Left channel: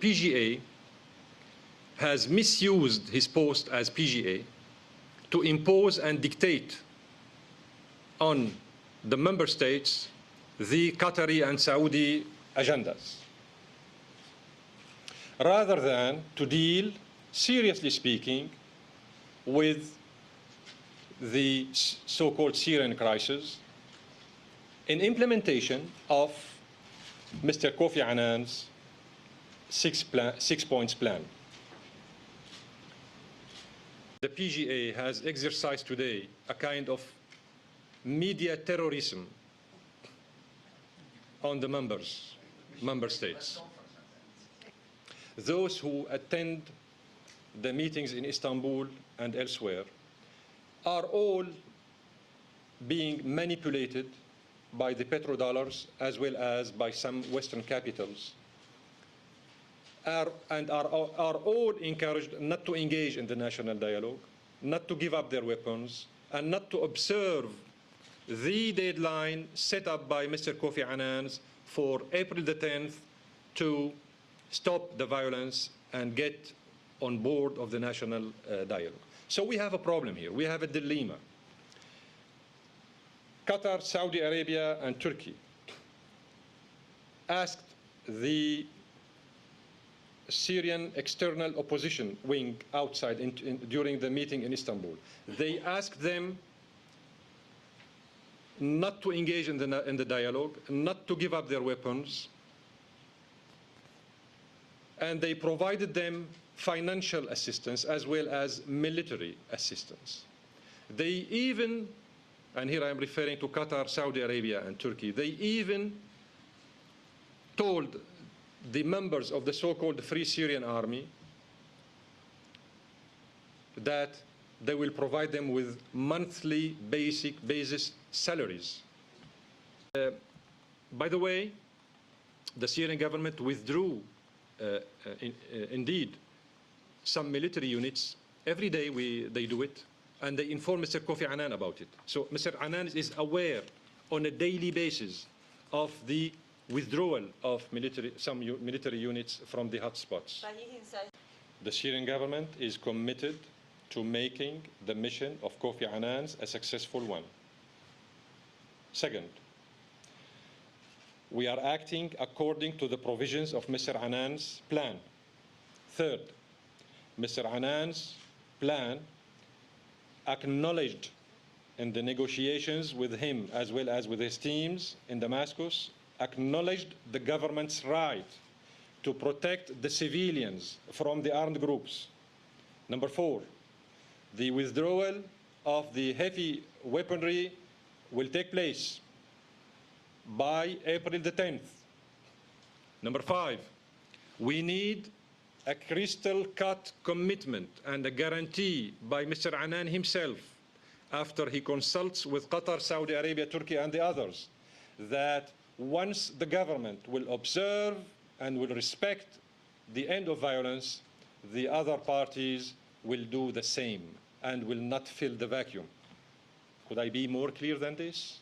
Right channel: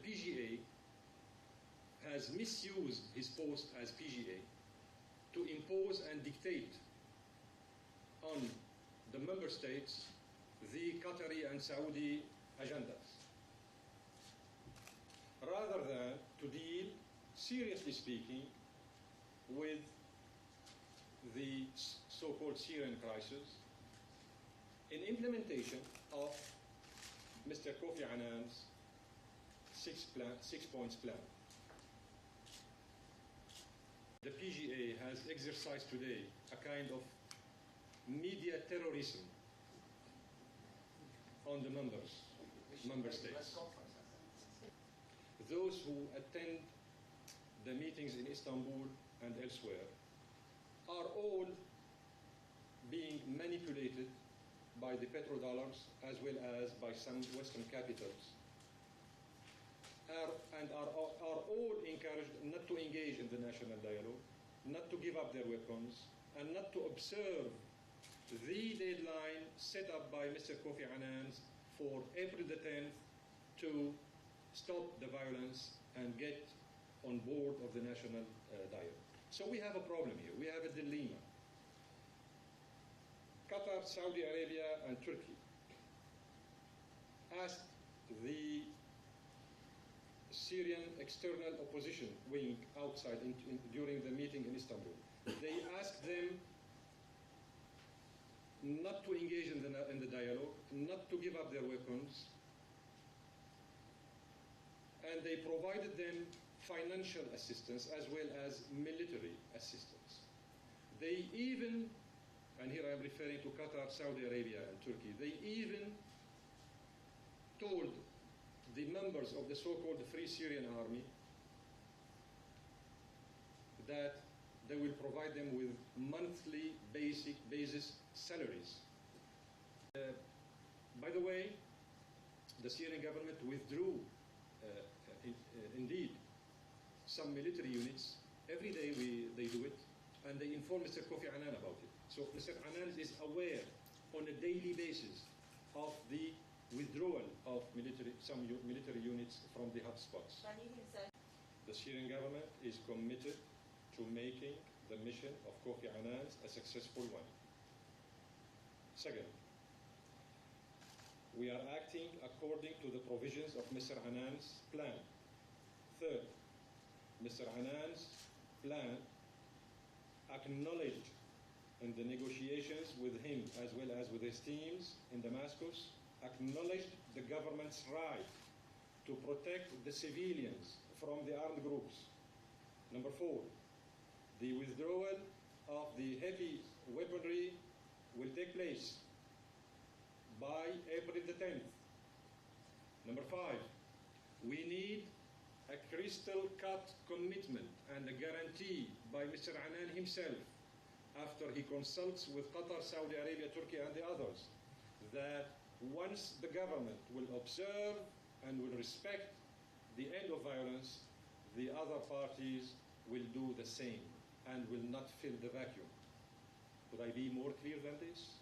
PGA has misused his post as PGA to impose and dictate on the member states the Qatari and Saudi agendas, rather than to deal, seriously speaking, with the so-called Syrian crisis in implementation of Mr. Kofi Annan's six-points plan. The PGA has exercised today a kind of media terrorism on the member states. Those who attend the meetings in Istanbul and elsewhere are all being manipulated by the petrodollars as well as by some Western capitals, and are all encouraged not to engage in the national dialogue, not to give up their weapons, and not to observe the deadline set up by Mr. Kofi Annan for April the 10th to stop the violence and get on board of the national dialogue. So we have a problem here. We have a dilemma. Qatar, Saudi Arabia, and Turkey asked the Syrian external opposition wing outside during the meeting in Istanbul. They asked them not to engage in the dialogue, not to give up their weapons, and they provided them financial assistance as well as military assistance. They even, and here I am referring to Qatar, Saudi Arabia, and Turkey, they even told the members of the so-called Free Syrian Army that they will provide them with monthly basis salaries. By the way, the Syrian government withdrew indeed some military units. Every day they do it, and they inform Mr. Kofi Annan about it. So Mr. Annan is aware on a daily basis of the withdrawal of some military units from the hotspots. The Syrian government is committed to making the mission of Kofi Annan a successful one. Second, we are acting according to the provisions of Mr. Annan's plan. Third, Mr. Annan's plan acknowledged in the negotiations with him as well as with his teams in Damascus, acknowledged the government's right to protect the civilians from the armed groups. Number four, the withdrawal of the heavy weaponry will take place by April the 10th. Number five, we need a crystal-cut commitment and a guarantee by Mr. Annan himself, after he consults with Qatar, Saudi Arabia, Turkey, and the others, that once the government will observe and will respect the end of violence, the other parties will do the same and will not fill the vacuum. Could I be more clear than this?